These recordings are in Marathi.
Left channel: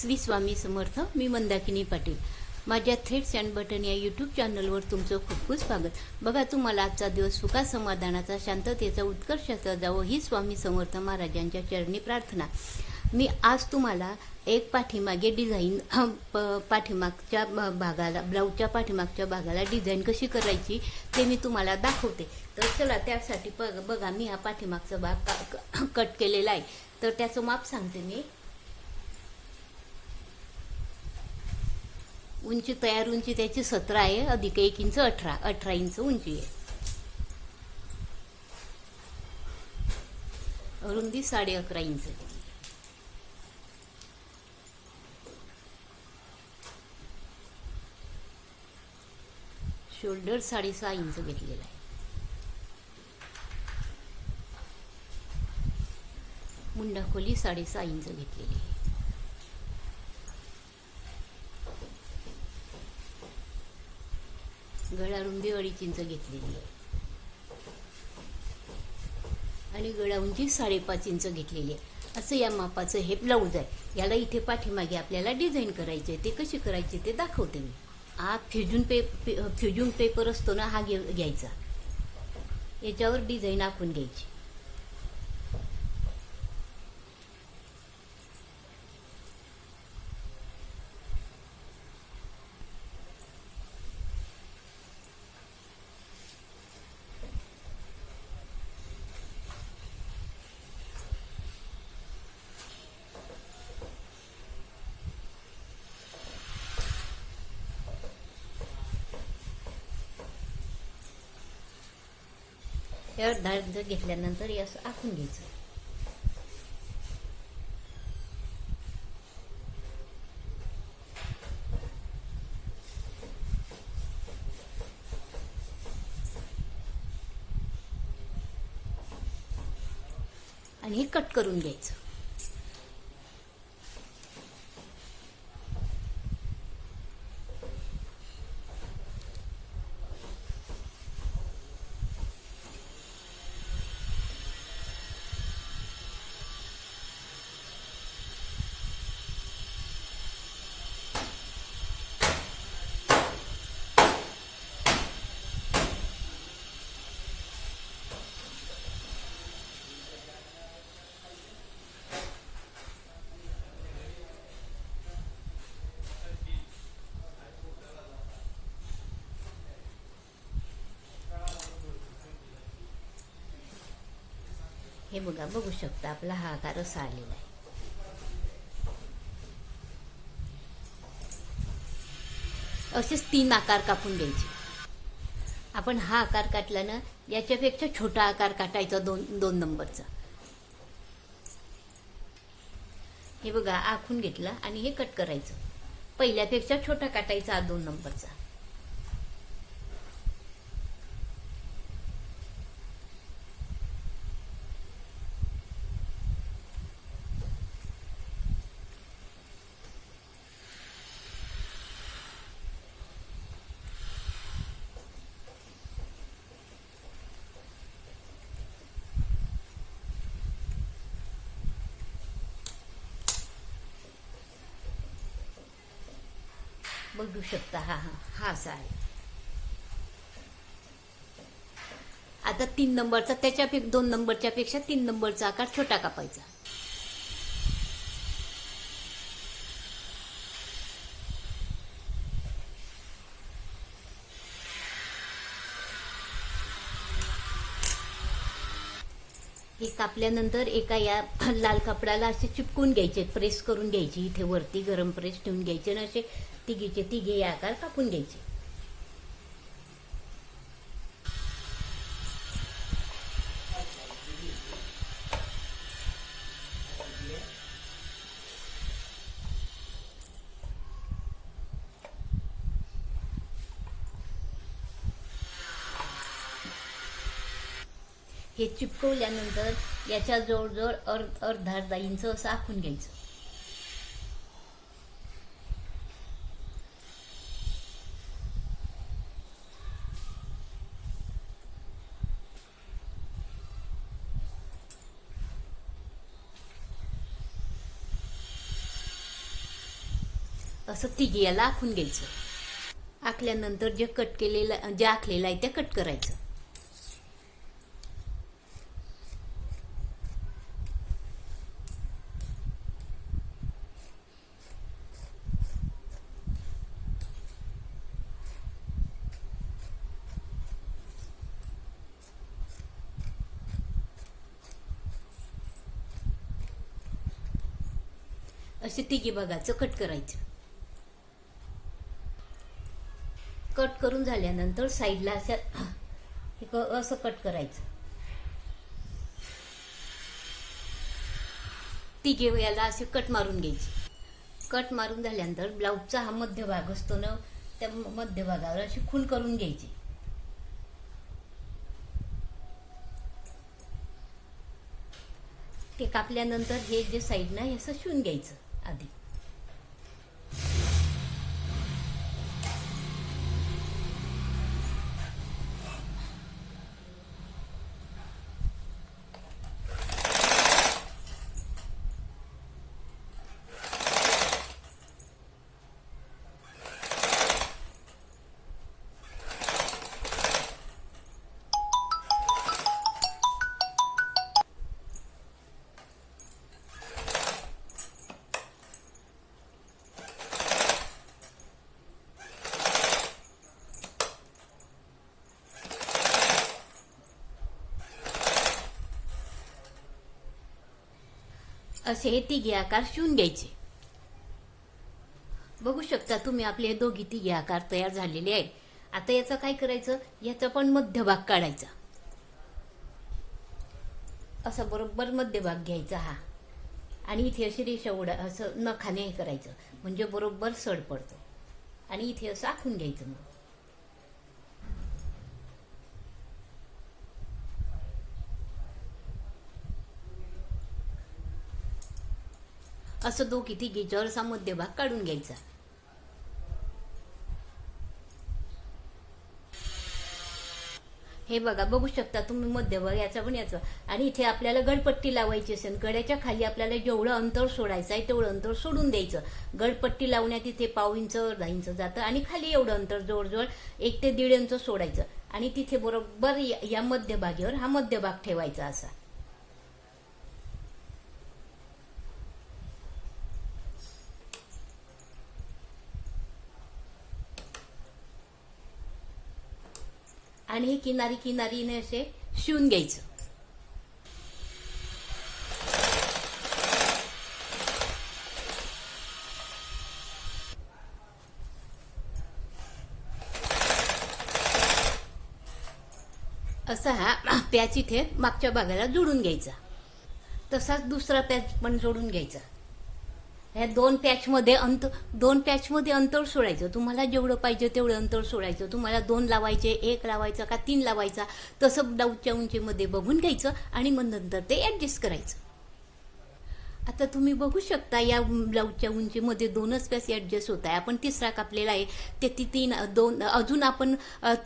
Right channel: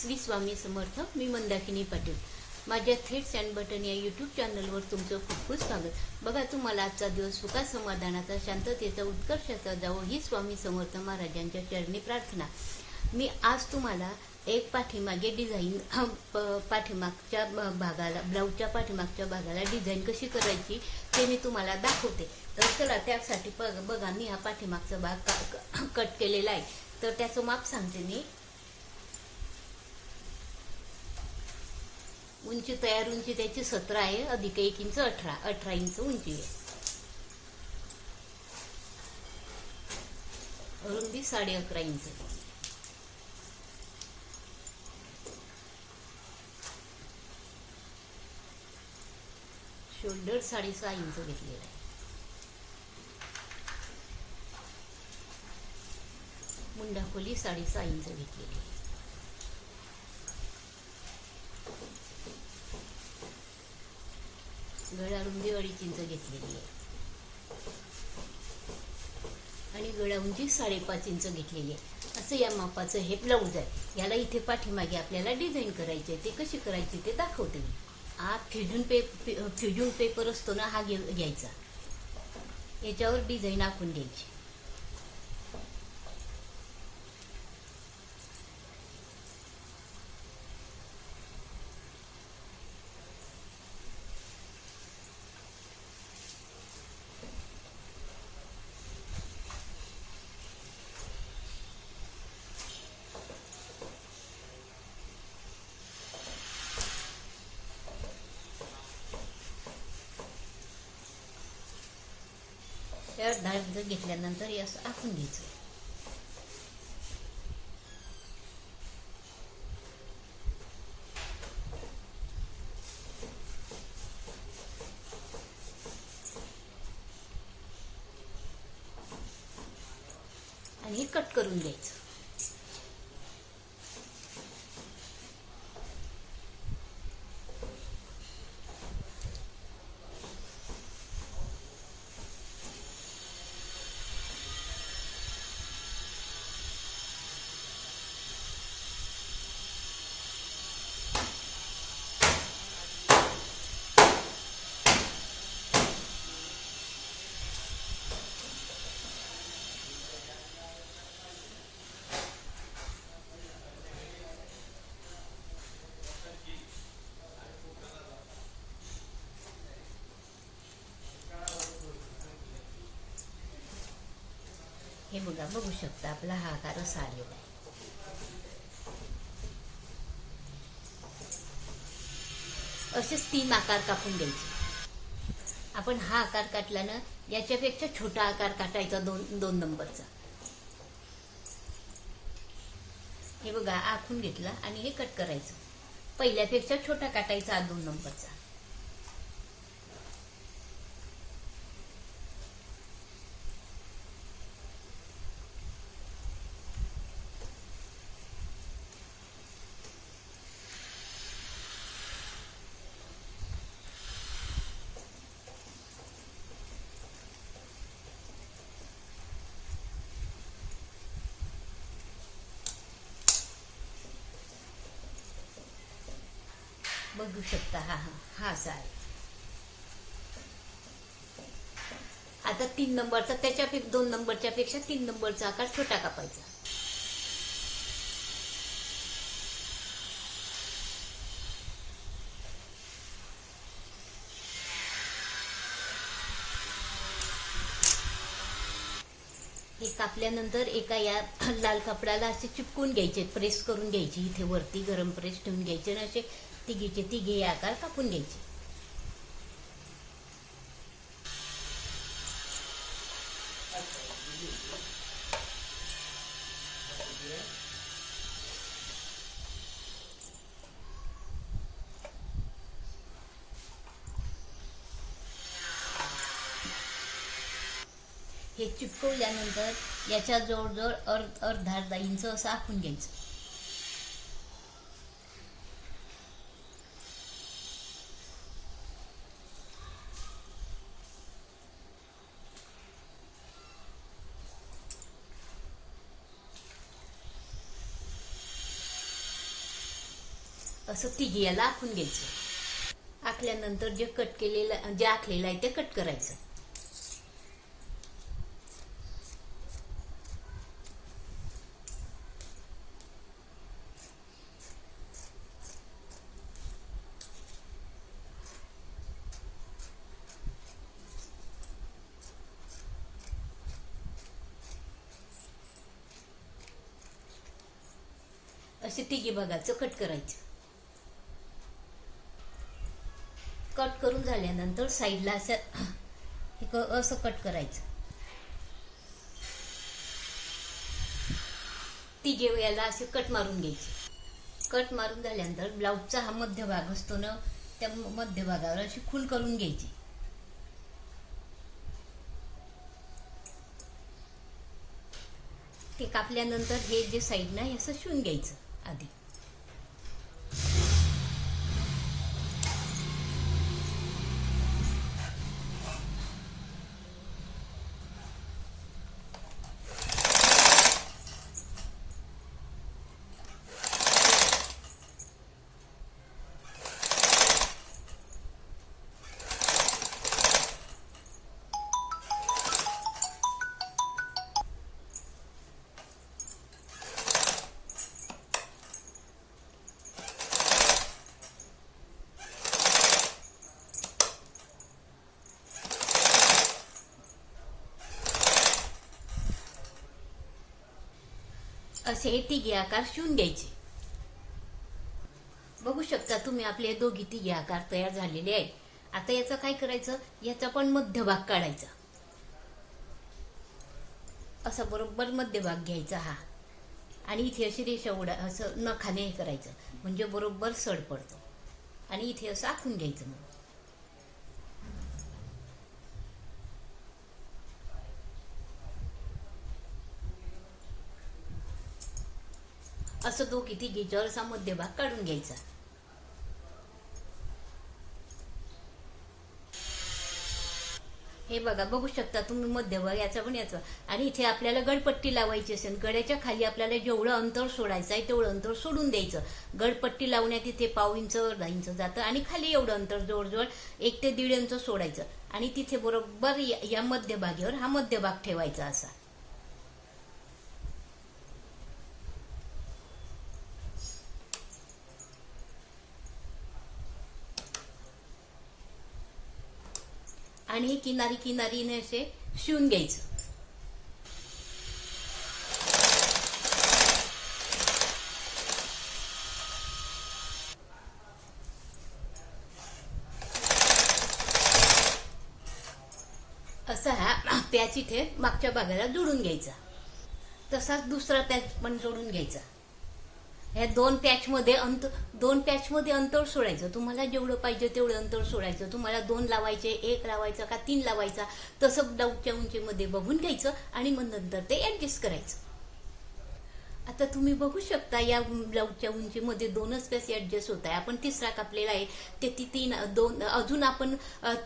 श्री स्वामी समर्थ. मी मंदाकिनी पाटील. माझ्या थेट अँड बटन या यूट्यूब चॅनलवर तुमचं खूप खूप स्वागत. बघा, तुम्हाला आजचा दिवस सुखा समाधानाचा, शांततेचा, उत्कर्षाचा जावो ही स्वामी समर्थ महाराजांच्या चरणी प्रार्थना. मी आज तुम्हाला एक पाठीमागे डिझाईन, पाठीमागच्या भागाला, ब्लाऊजच्या पाठीमागच्या भागाला डिझाईन कशी करायची ते मी तुम्हाला दाखवते. तर चला, त्यासाठी बघा, मी हा पाठीमागचा भाग कट केलेला आहे. तर त्याचं माप सांगते मी. उंची, तयार उंची त्याची 17 आहे, अधिक 1 इंच 18 इंच उंची आहे. रुंदी 11.5 इंच. शोल्डर 6.5 इंच घेतलेला आहे. मुंडा खोली 6.5 इंच घेतलेली आहे. गळा रुंदी 2.5 इंच घेतलेली आहे आणि गळा उंची 5.5 इंच घेतलेली आहे. असं या मापाचं हे ब्लाऊज आहे. याला इथे पाठीमागे आपल्याला डिझाईन करायचे. ते कशी करायची ते दाखवते मी. हा फ्युजन पेपर असतो ना, हा घ्यायचा. याच्यावर डिझाईन आखून घ्यायची. त्यावर धार घेतल्यानंतर हे असं आखून घ्यायचं. आणि हे कट करून घ्यायचं. हे बघा, बघू शकता आपला हा आकार असा आलेला आहे. असेच 3 आकार कापून द्यायचे. आपण हा आकार काढला ना, याच्यापेक्षा छोटा आकार काटायचा 2 नंबरचा. हे बघा, आखून घेतला आणि हे कट करायचं. पहिल्यापेक्षा छोटा काटायचा 2 नंबरचा. बघू शकता, हा असा आहे. आता 3 नंबरचा, त्याच्यापेक्षा 2 नंबरच्या पेक्षा 3 नंबरचा आकार छोटा कापायचा. हे कापल्यानंतर एका या लाल कपड्याला असे चिपकून घ्यायचे, प्रेस करून घ्यायची. इथे वरती गरम प्रेस ठेवून घ्यायचे आणि असे तिघे आकार कापून घ्यायचे. हे चिपकवल्यानंतर याच्या जवळजवळ अर्धा इंच असं आखून घ्यायचं. असं तिघी याला आखून घ्यायचं. आखल्यानंतर जे कट केलेलं जे आखलेलं आहे ते कट करायचं. असे तिघी भागाचं कट करायचं. कट करून झाल्यानंतर साईडला असं कट करायचं. तिघे याला असे कट मारून घ्यायचे. कट मारून झाल्यानंतर ब्लाऊजचा हा मध्य भाग असतो ना, त्या मध्य भागावर अशी खून करून घ्यायची. ते कापल्यानंतर हे जे साईड ना असं शिवून घ्यायचं आधी. असे हे तिघे आकार शिवून घ्यायचे. बघू शकता तुम्ही आपले दोघी तिघे आकार तयार झालेले आहे. आता याचं काय करायचं, याचा पण मध्यभाग काढायचा. असा बरोबर मध्यभाग घ्यायचा हा, आणि इथे अशी रेषा असं नखाने हे करायचं, म्हणजे बरोबर सड पडतो. आणि इथे असं आखून घ्यायचं. मग असं दोघी तिघीच्यावर असा मध्यभाग काढून घ्यायचा. हे बघा, बघू शकता तुम्ही मध्यभाग याचा पण याचा. आणि इथे आपल्याला गडपट्टी लावायची असेल, गड्याच्या खाली आपल्याला जेवढं अंतर सोडायचं आहे तेवढं अंतर सोडून द्यायचं. गडपट्टी लावण्यात इथे 1.5 इंच 1.5 इंच जातं, आणि खाली एवढं अंतर जवळजवळ 1 ते 1.5 इंच सोडायचं. आणि तिथे बरोबर या मध्यभागीवर हा मध्यभाग ठेवायचा असा. आणि किनारी किनारीने असे शिवून घ्यायचं. असा हा पॅच इथे मागच्या भागाला जोडून घ्यायचा. तसाच दुसरा पॅच पण जोडून घ्यायचा. ह्या दोन पॅचमध्ये अंतर सोडायचं. तुम्हाला जेवढं पाहिजे तेवढं अंतर सोडायचं. तुम्हाला 2 लावायचे, 1 लावायचा का 3 लावायचा, तसं ब्लाऊजच्या उंचीमध्ये बघून घ्यायचं. आणि मग नंतर ते ऍडजस्ट करायचं. आता तुम्ही बघू शकता या ब्लाऊजच्या उंचीमध्ये 2च पॅच ऍडजस्ट होत आहे. आपण तिसरा कापलेला आहे, ते 2 अजून आपण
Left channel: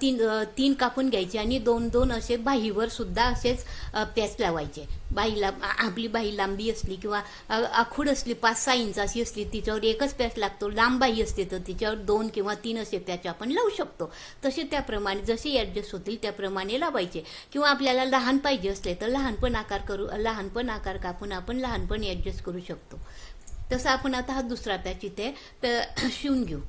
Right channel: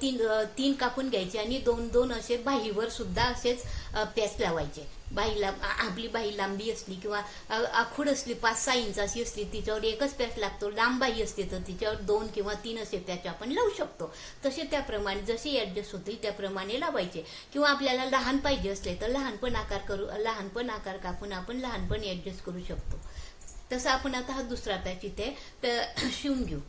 3 कापून घ्यायचे, आणि 2 असे बाहीवर सुद्धा असेच पॅच लावायचे. बाहीला आपली बाही लांबी असली किंवा आखूड असली 5-6 इंचाची असली, तिच्यावर एकच पॅच लागतो. लांब बाही असते तर तिच्यावर 2 किंवा 3 असे पॅच आपण लावू शकतो. तसे त्याप्रमाणे जसे ऍडजस्ट होतील त्याप्रमाणे लावायचे. किंवा आपल्याला लहान पाहिजे असले तर लहानपण आकार कापून आपण लहानपण ऍडजस्ट करू शकतो. तसं आपण आता हा दुसरा पॅच इथे शिवून घेऊ.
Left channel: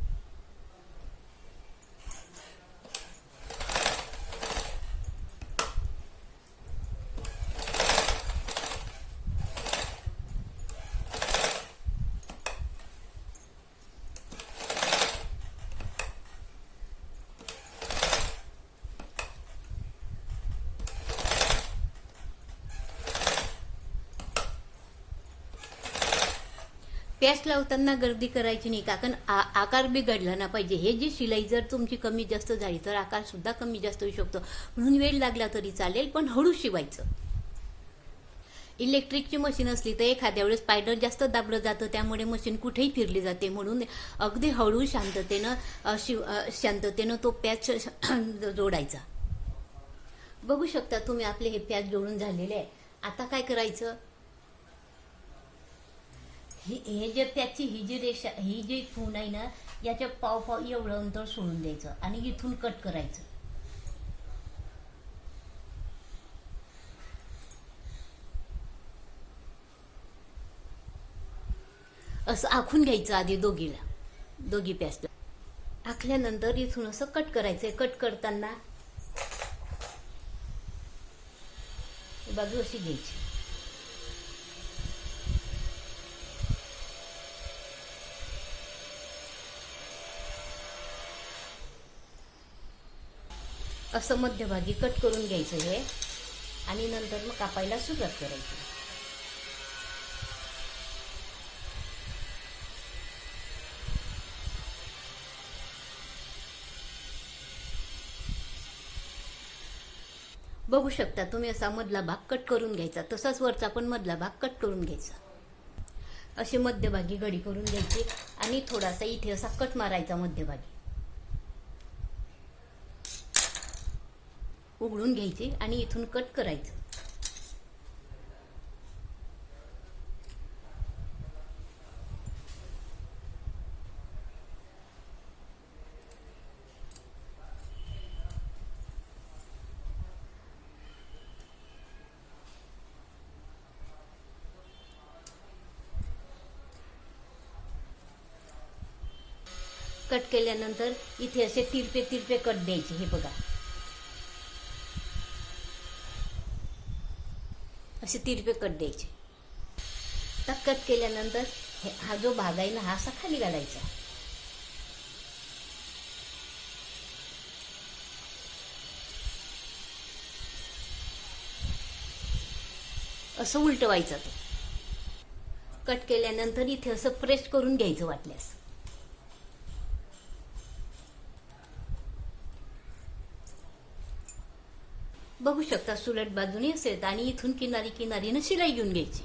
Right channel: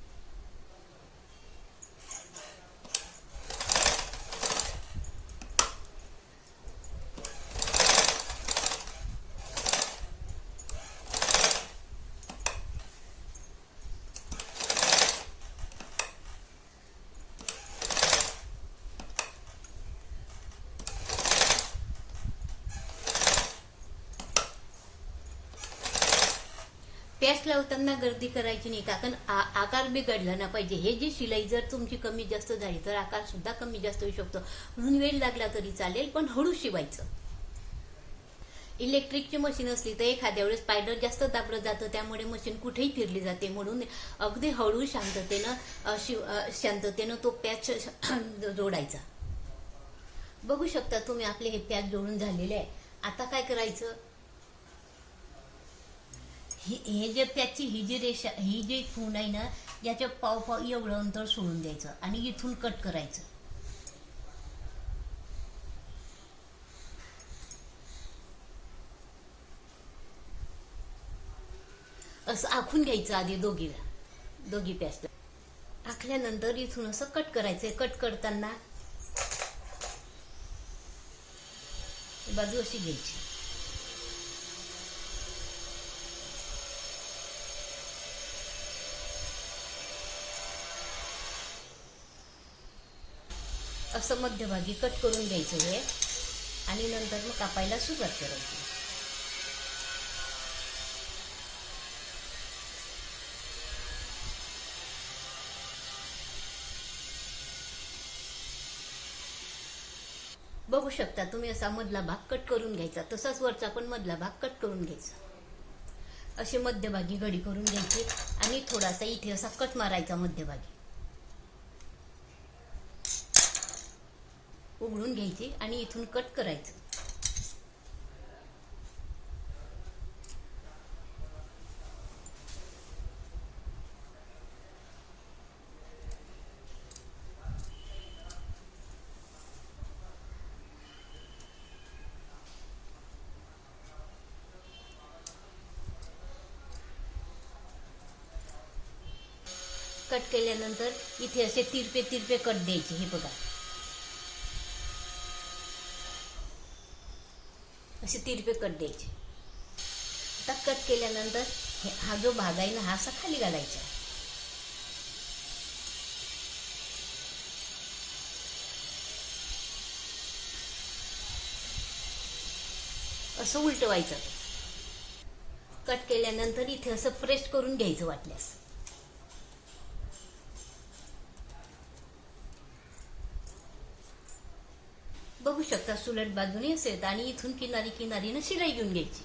पॅच लावताना गर्दी करायची नाही, कारण आकार बिघडला ना पाहिजे. हे जी शिलाई जर तुमची कमी जास्त झाली तर आकार सुद्धा कमी जास्त होऊ शकतो. म्हणून वेळ लागला तरी चालेल, पण हळू शिवायचं. इलेक्ट्रिकची मशीन असली तर एखाद्या वेळेस स्पायडर जास्त दाबलं जातं, त्यामुळे मशीन कुठेही फिरली जाते. म्हणून अगदी हळू शांततेनं तो पॅच जोडायचा. बघू शकता तुम्ही आपले हे पॅच जोडून झालेले आहे. आता काय करायचं, हे जे त्याची ही जी रेषा, ही जी खूण आहे ना, याच्या पाव एवढं अंतर सोडून द्यायचं आणि इथून कट करायचं. असं आखून घ्यायचं आधी दोघी पॅच. आखल्यानंतर इथून असं कट करायचं. कट करताना बाजू अशी घ्यायची. असं मध्यभागी कट करून घ्यायचं हे आणि नंतर मग कापायला सुरुवात करायची. बघू शकता तुम्ही असा मधला भाग कट करून घ्यायचा. तसाच वरचा पण मधला भाग कट करून घ्यायचा. अशी मध्यभागी घडी करून घ्यायची आणि थोडासा इथे असा कट मारायचा मध्यभागी. उघडून घ्यायची आणि इथून कट करायचं. कट केल्यानंतर इथे असे तिरपे कट द्यायचे. हे बघा, असे तिरपे कट द्यायचे. आता कट केल्यानंतर हा जो भाग आहे ना, हा असा खाली काढायचा. असं उलटवायचं. कट केल्यानंतर इथे असं प्रेस करून घ्यायचं वाटल्यास. बघू शकता सुलट बाजूने असेल आणि इथून किनारीनं शिलाई घेऊन घ्यायची.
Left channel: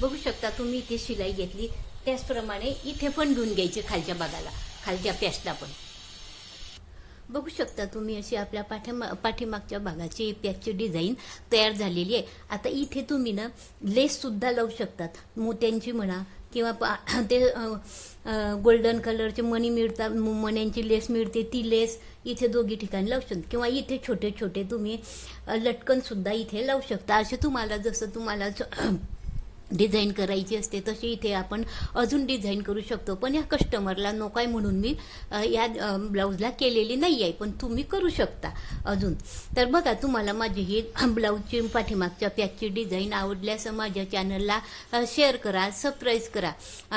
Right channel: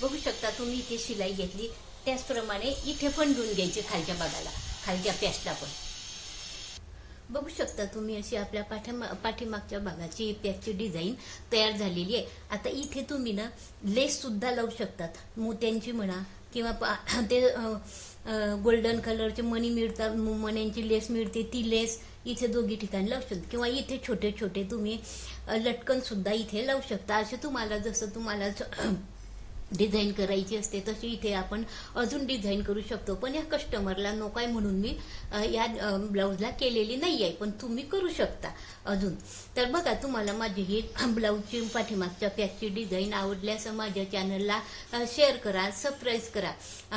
बघू शकता तुम्ही इथे शिलाई घेतली, त्याचप्रमाणे इथे पण घेऊन घ्यायची खालच्या भागाला, खालच्या पॅचला पण. बघू शकता तुम्ही अशी आपल्या पाठीमागच्या भागाची पॅचची डिझाईन तयार झालेली आहे. आता इथे तुम्ही ना लेस सुद्धा लावू शकतात, मोत्यांची म्हणा किंवा ते गोल्डन कलरचे मणी मिळतात, मण्यांची लेस मिळते, ती लेस इथे दोघी ठिकाणी लावू शकता. किंवा इथे छोटे छोटे तुम्ही लटकन सुद्धा इथे लावू शकता. असे तुम्हाला डिझाईन करायची असते तशी इथे आपण अजून डिझाईन करू शकतो. पण या कस्टमरला नको आहे म्हणून मी या ब्लाऊजला केलेली नाही आहे, पण तुम्ही करू शकता अजून. तर बघा, तुम्हाला माझी ही ब्लाऊजची पाठीमागच्या पॅचची डिझाईन आवडल्यास माझ्या चॅनलला शेअर करा, सबस्क्राईब करा,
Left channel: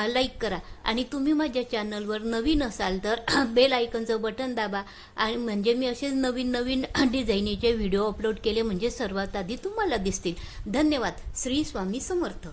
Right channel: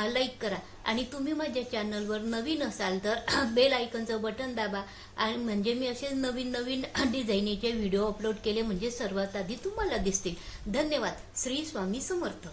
लाईक करा. आणि तुम्ही माझ्या चॅनलवर नवीन असाल तर बेल आयकॉनचं बटन दाबा. आणि म्हणजे मी असे नवीन डिझाईनीचे व्हिडिओ अपलोड केले म्हणजे सर्वात आधी तुम्हाला दिसतील. धन्यवाद. श्री स्वामी समर्थ.